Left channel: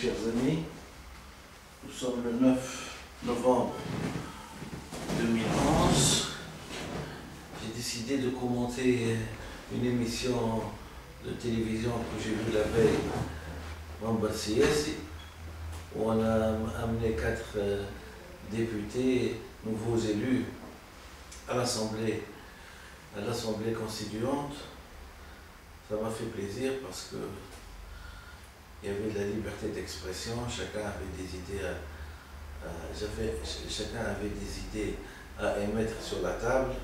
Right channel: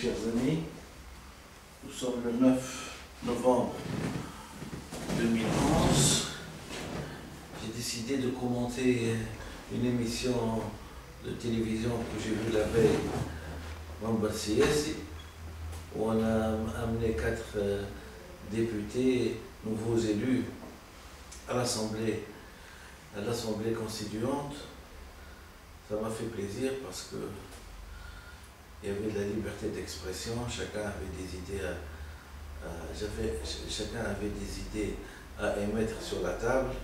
chers amis. Nous sommes le 9 novembre 2011. J'ai décidé de commenter une émission de télévision que j'ai vue la veille, Mamba Siesi, où on a amené 4 députés, nouveaux élus à l'Assemblée constituante. Ça m'a fait plaisir parce que il y avait de la liberté d'expression, chacun avait des idées à émettre sur la table.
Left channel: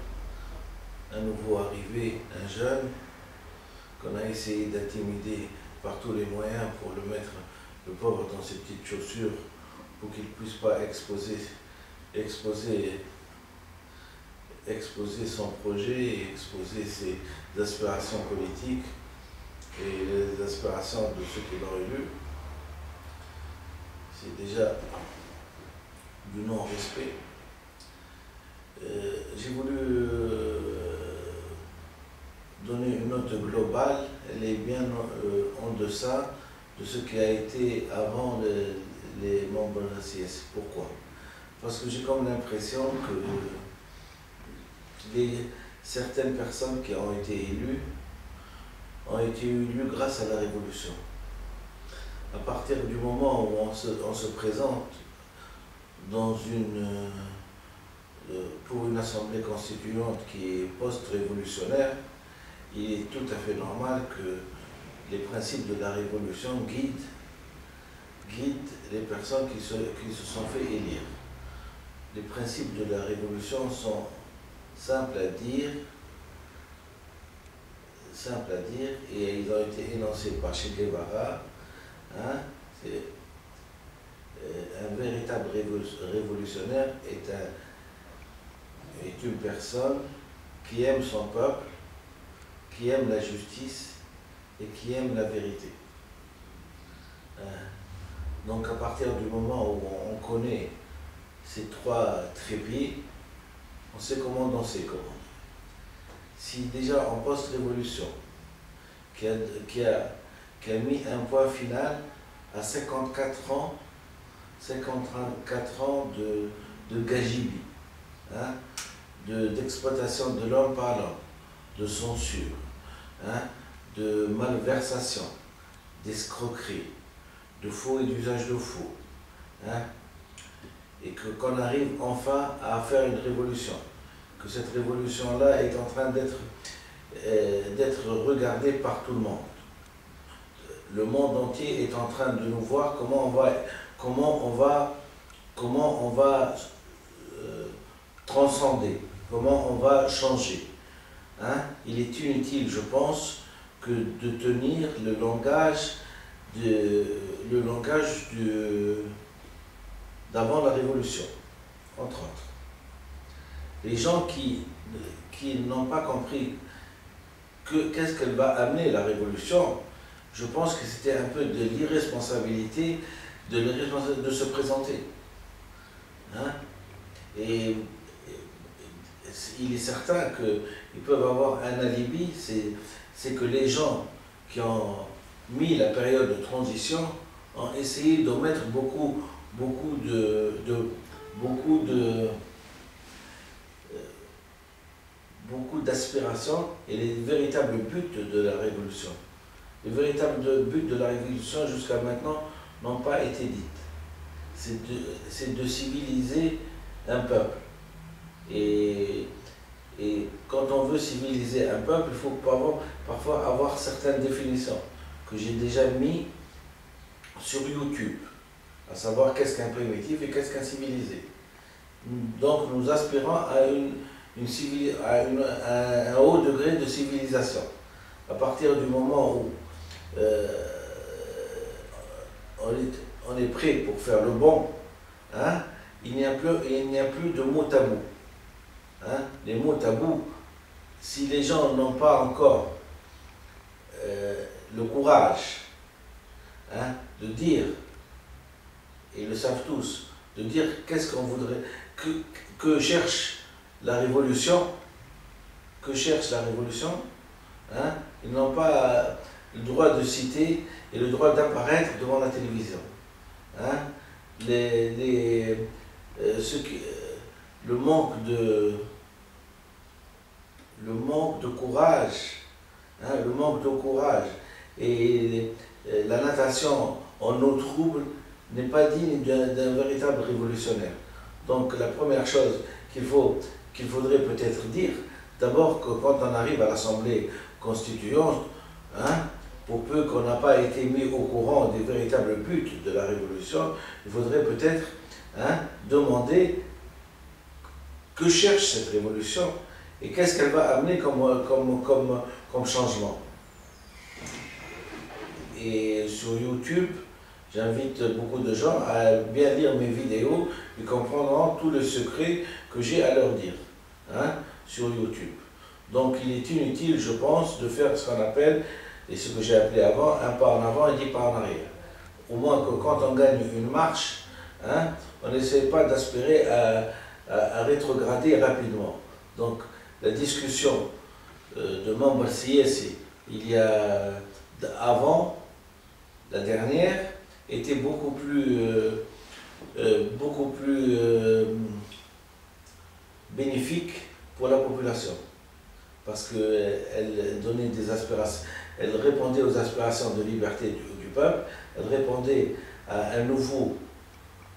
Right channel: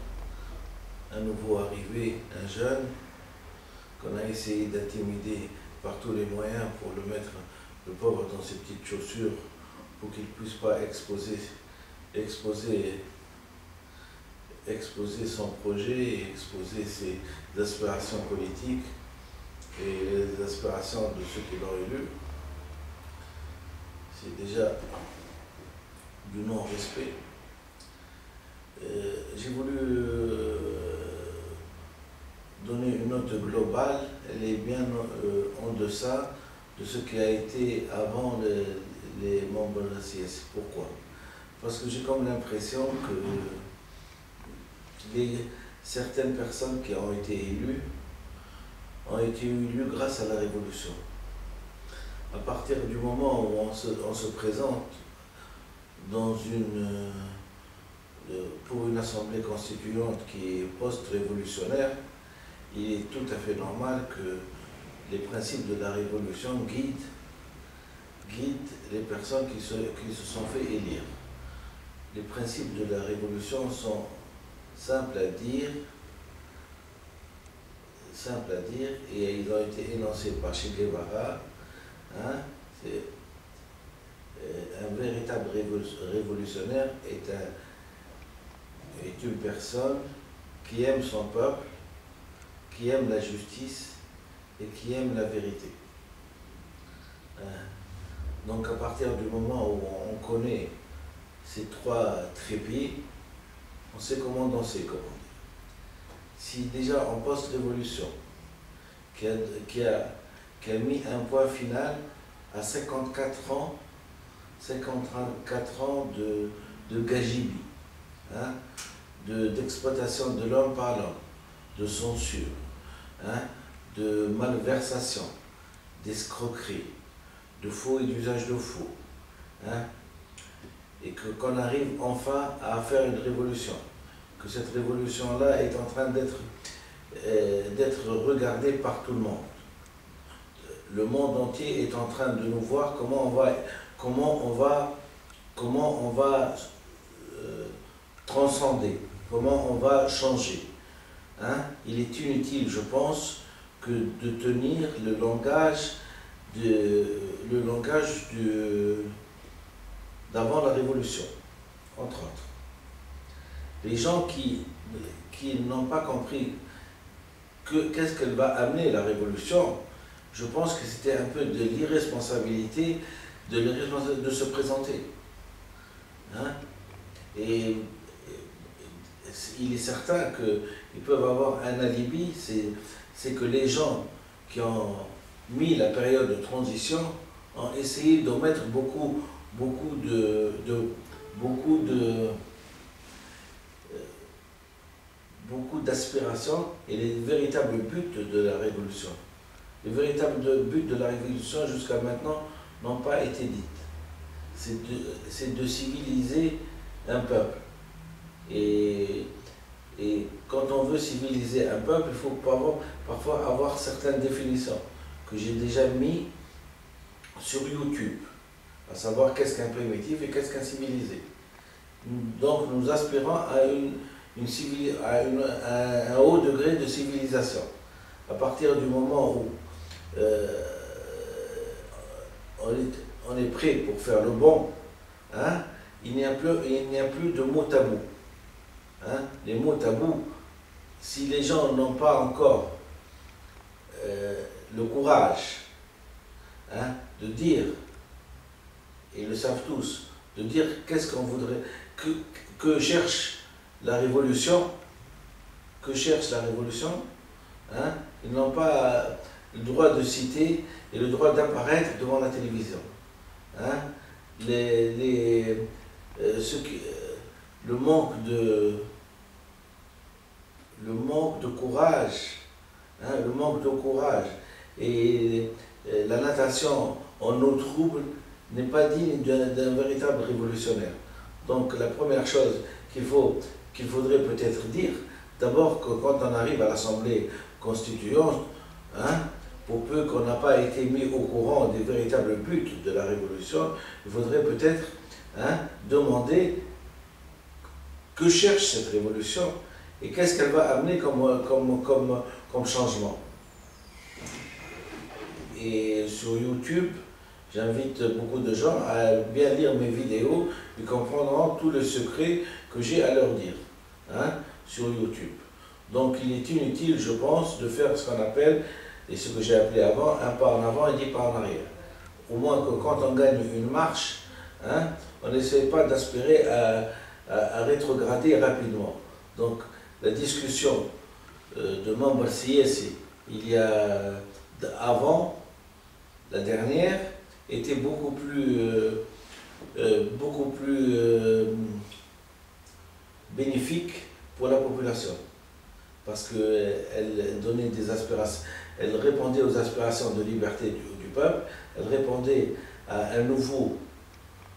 Un nouveau arrivé, un jeune, qu'on a essayé d'intimider par tous les moyens pour le mettre, le pauvre, dans ses petites chaussures pour qu'il ne puisse pas exposer son projet et exposer ses aspirations politiques et les aspirations de ceux qui l'ont élu. C'est déjà du non-respect. J'ai voulu donner une note globale. Elle est bien en deçà de ce qui a été avant les membres de la CS. Pourquoi? Parce que j'ai comme l'impression que certaines personnes qui ont été élues grâce à la Révolution. À partir du moment où on se présente pour une assemblée constituante qui est post-révolutionnaire, il est tout à fait normal que les principes de la Révolution guident les personnes qui se sont fait élire. Les principes de la Révolution sont simples à dire, et ils ont été énoncés par Che Guevara. C'est un véritable révolutionnaire est une personne qui aime son peuple, qui aime la justice et qui aime la vérité. Donc à partir du moment où on connaît ces 3 trépieds, on sait comment danser, comment dire. Si déjà en post-révolution, qui a mis un point final à 54 ans de gajibi, d'exploitation de l'homme par l'homme, de censure, de malversation, d'escroquerie, de faux et d'usage de faux, et qu'on arrive enfin à faire une révolution, que cette révolution-là est en train d'être regardée par tout le monde. Le monde entier est en train de nous voir comment on va transcender, comment on va changer. Il est inutile, je pense, que de tenir le langage d'avant la Révolution, entre autres. Les gens qui n'ont pas compris qu'est-ce qu'elle va amener, la Révolution, je pense que c'était un peu de l'irresponsabilité de se présenter. Et il est certain qu'ils peuvent avoir un alibi, c'est que les gens qui ont mis la période de transition ont essayé d'omettre beaucoup d'aspirations et les véritables buts de la Révolution. Les véritables buts de la Révolution jusqu'à maintenant n'ont pas été dites. C'est de civiliser un peuple. Et quand on veut civiliser un peuple, il faut parfois avoir certaines définitions que j'ai déjà mis sur YouTube, à savoir qu'est-ce qu'un primitif et qu'est-ce qu'un civilisé. Donc nous aspirons à un haut degré de civilisation. À partir du moment où on est prêt pour faire le bon, il n'y a plus de mots tabous. Les mots tabous, si les gens n'ont pas encore le courage de dire, et ils le savent tous, de dire qu'est-ce qu'on voudrait, que cherche la révolution, ils n'ont pas le droit de citer et le droit d'apparaître devant la télévision. hein, le manque de courage, hein, le manque de courage et la natation en eau trouble n'est pas digne d'un véritable révolutionnaire. Donc la première chose qu'il faudrait peut-être dire, d'abord que quand on arrive à l'Assemblée constituante, hein, pour peu qu'on n'a pas été mis au courant des véritables buts de la révolution, il faudrait peut-être, hein, demander que cherche cette révolution et qu'est-ce qu'elle va amener comme changement. Et sur YouTube, j'invite beaucoup de gens à bien lire mes vidéos, ils comprendront tout le secret que j'ai à leur dire, hein, sur YouTube. Donc il est inutile, je pense, de faire ce qu'on appelle, et ce que j'ai appelé avant, un pas en avant et 10 pas en arrière. Au moins que quand on gagne une marche, hein, on n'essaie pas d'aspirer à rétrograder rapidement. Donc la discussion de Mamba Siessi, il y a avant, la dernière, était beaucoup plus bénéfique pour la population. Parce qu'elle donnait des aspirations, elle répondait aux aspirations de liberté du peuple, elle répondait à un nouveau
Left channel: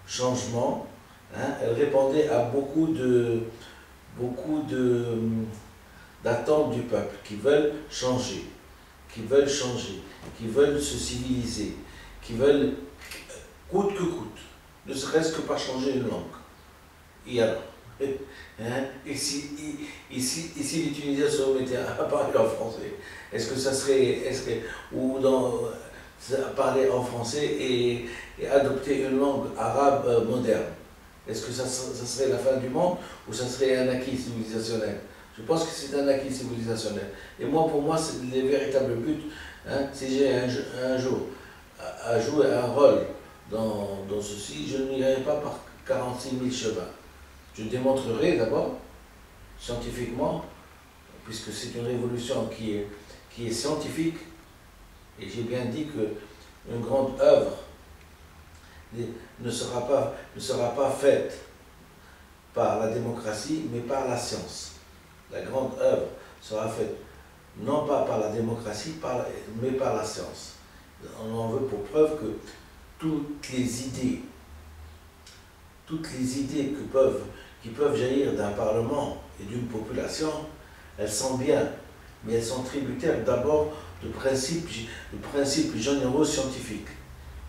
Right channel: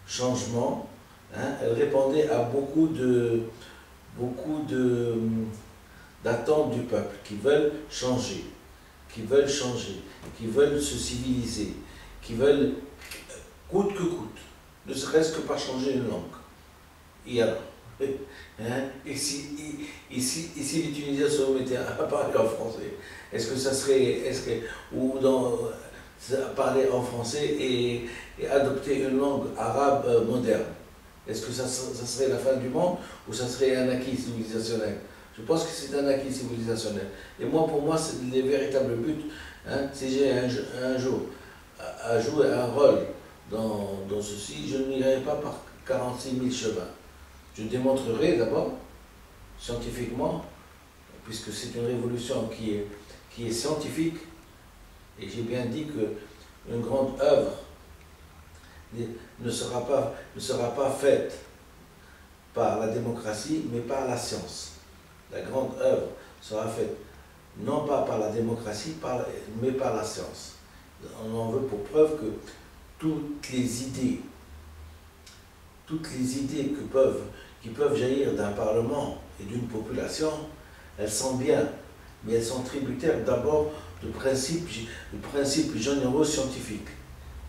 changement, hein, elle répondait à beaucoup d'attentes du peuple qui veulent changer, qui veulent se civiliser, qui veulent coûte que coûte, ne serait-ce que par changer une langue. Et alors, hein, et si les Tunisiens se remettaient à parler en français, est-ce que ça serait, parler en français et adopter une langue arabe moderne, est-ce que ça serait la fin du monde ou ça serait un acquis civilisationnel? Je pense que c'est un acquis civilisationnel. Et moi, pour moi, c'est les véritables buts. Hein, si j'ai un jour à jouer un rôle dans ceci, je n'irai pas par 46 000 chemins. Je démontrerai d'abord, scientifiquement, puisque c'est une révolution qui est scientifique, et j'ai bien dit qu'une grande œuvre ne sera pas faite par la démocratie, mais par la science. La grande œuvre sera faite non pas par la démocratie, mais par la science. On en veut pour preuve que toutes les idées qui peuvent jaillir d'un parlement et d'une population, elles sont bien, mais elles sont tributaires d'abord de principes généraux scientifiques.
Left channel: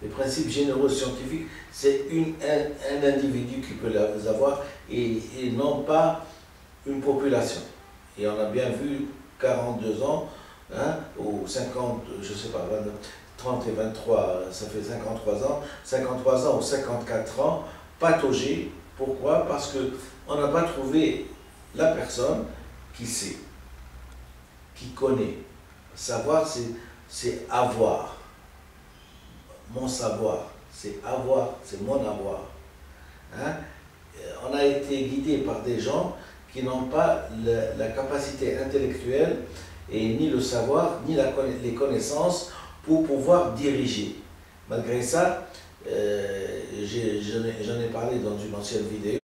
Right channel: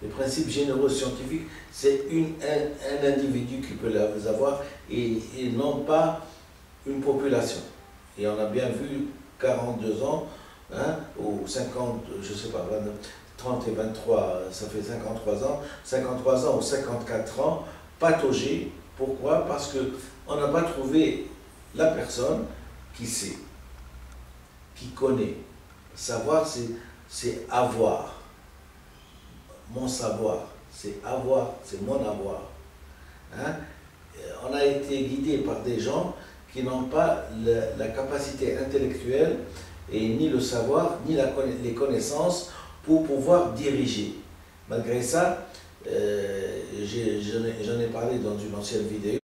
Les principes généraux scientifiques, c'est un individu qui peut les avoir et non pas une population. Et on a bien vu 42 ans, hein, ou 50, je sais pas, 30 et 23, ça fait 53 ans ou 54 ans, patauger. Pourquoi? Parce qu'on n'a pas trouvé la personne qui sait, qui connaît. Savoir, c'est avoir. Mon savoir, c'est avoir, c'est mon avoir. Hein? On a été guidé par des gens qui n'ont pas la capacité intellectuelle et ni le savoir, ni les connaissances pour pouvoir diriger. Malgré ça, j'en ai parlé dans une ancienne vidéo.